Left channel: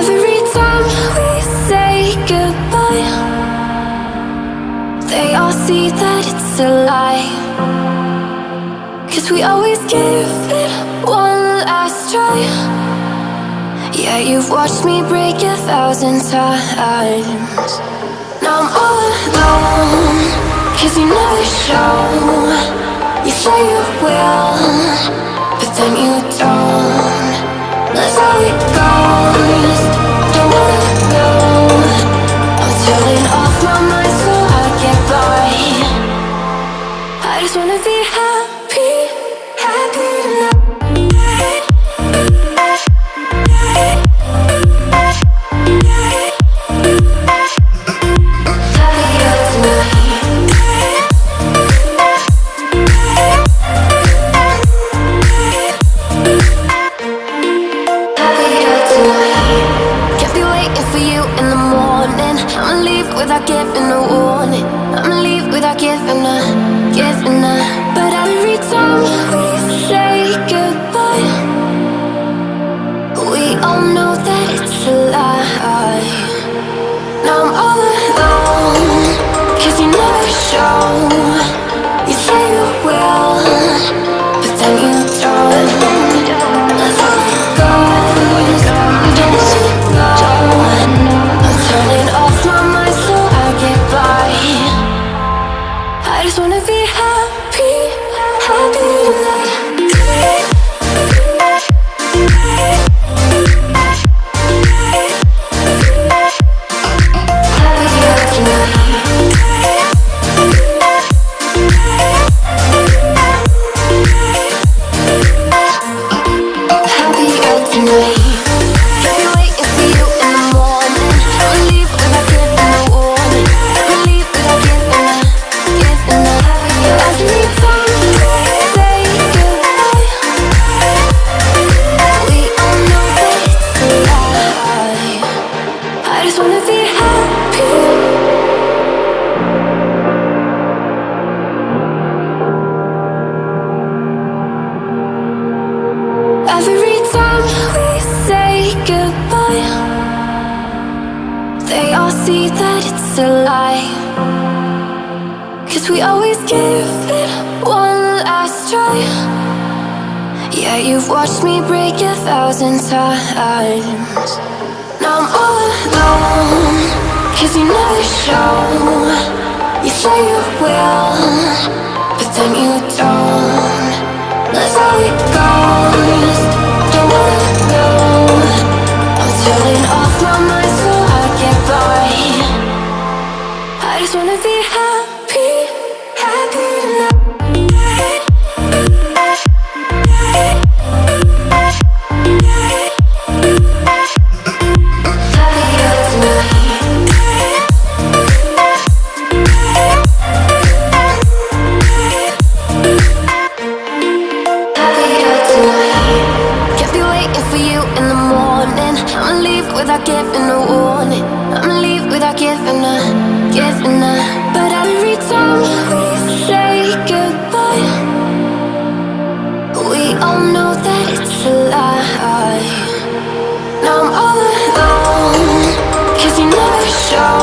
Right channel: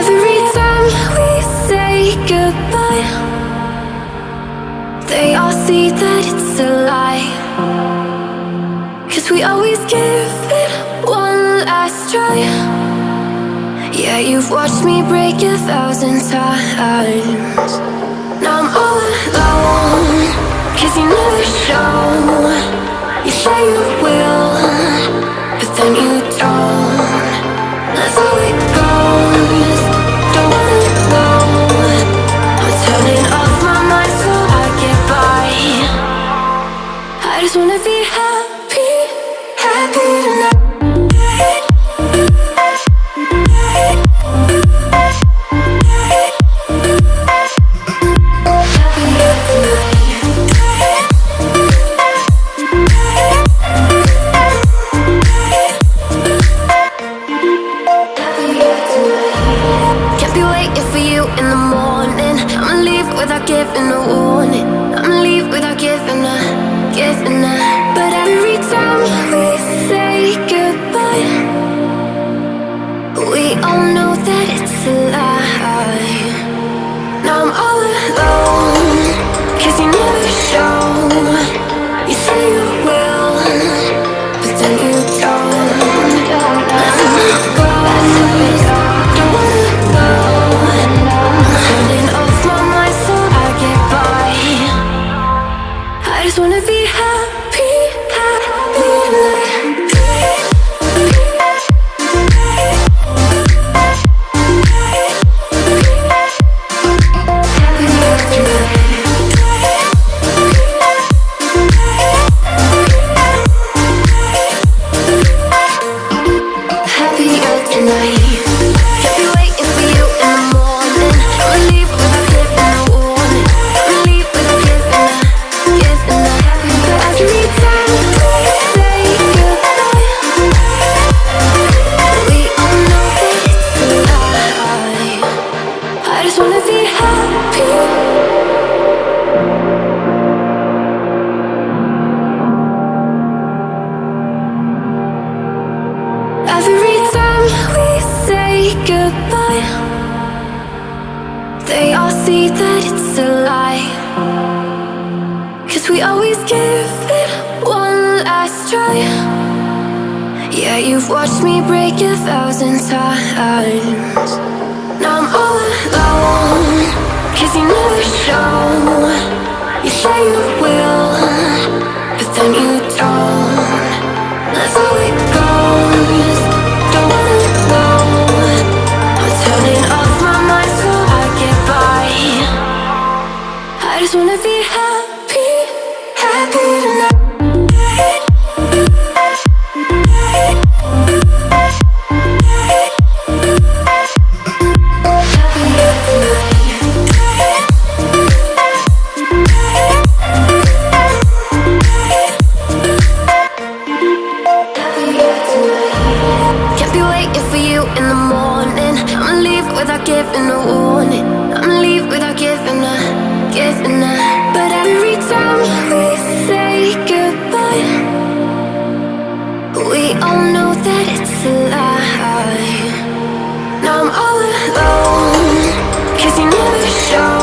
Every time we say goodbye, they all see that it's a lie. 'Cause we always give it one last try. Yeah, you've watched me break 1,000 times. Now I'm all alone, 'cause you never show. You say you will, but then you don't. That's how it goes. Don't wanna know. I'm turning off my mind so I get by. I just wanna be happy, happy tonight. In the morning, I'ma leave without giving a warning. I'ma leave without giving a. But every time we say goodbye, we all know that it's a lie. Now I'm all alone, 'cause you never show. You say you will, but then you don't. That's how it goes. Don't wanna know. Turning off my mind so I get by. I just wanna be happy, happy tonight. Happier tonight. I just wanna be happy. Every time we say goodbye, they all see that it's a lie. 'Cause we always give it one last try. Yeah, you've watched me break 1,000 times. Now I'm all alone, 'cause you never show. You say you will, but then you don't. That's how it goes. Don't wanna know. I'm turning off my mind so I get by. I just wanna be happy, happy tonight. For you in the morning, I'ma leave without giving a warning. I'ma leave without giving a. But every time we say goodbye, we all know that it's a lie. Now I'm all alone, 'cause you never show.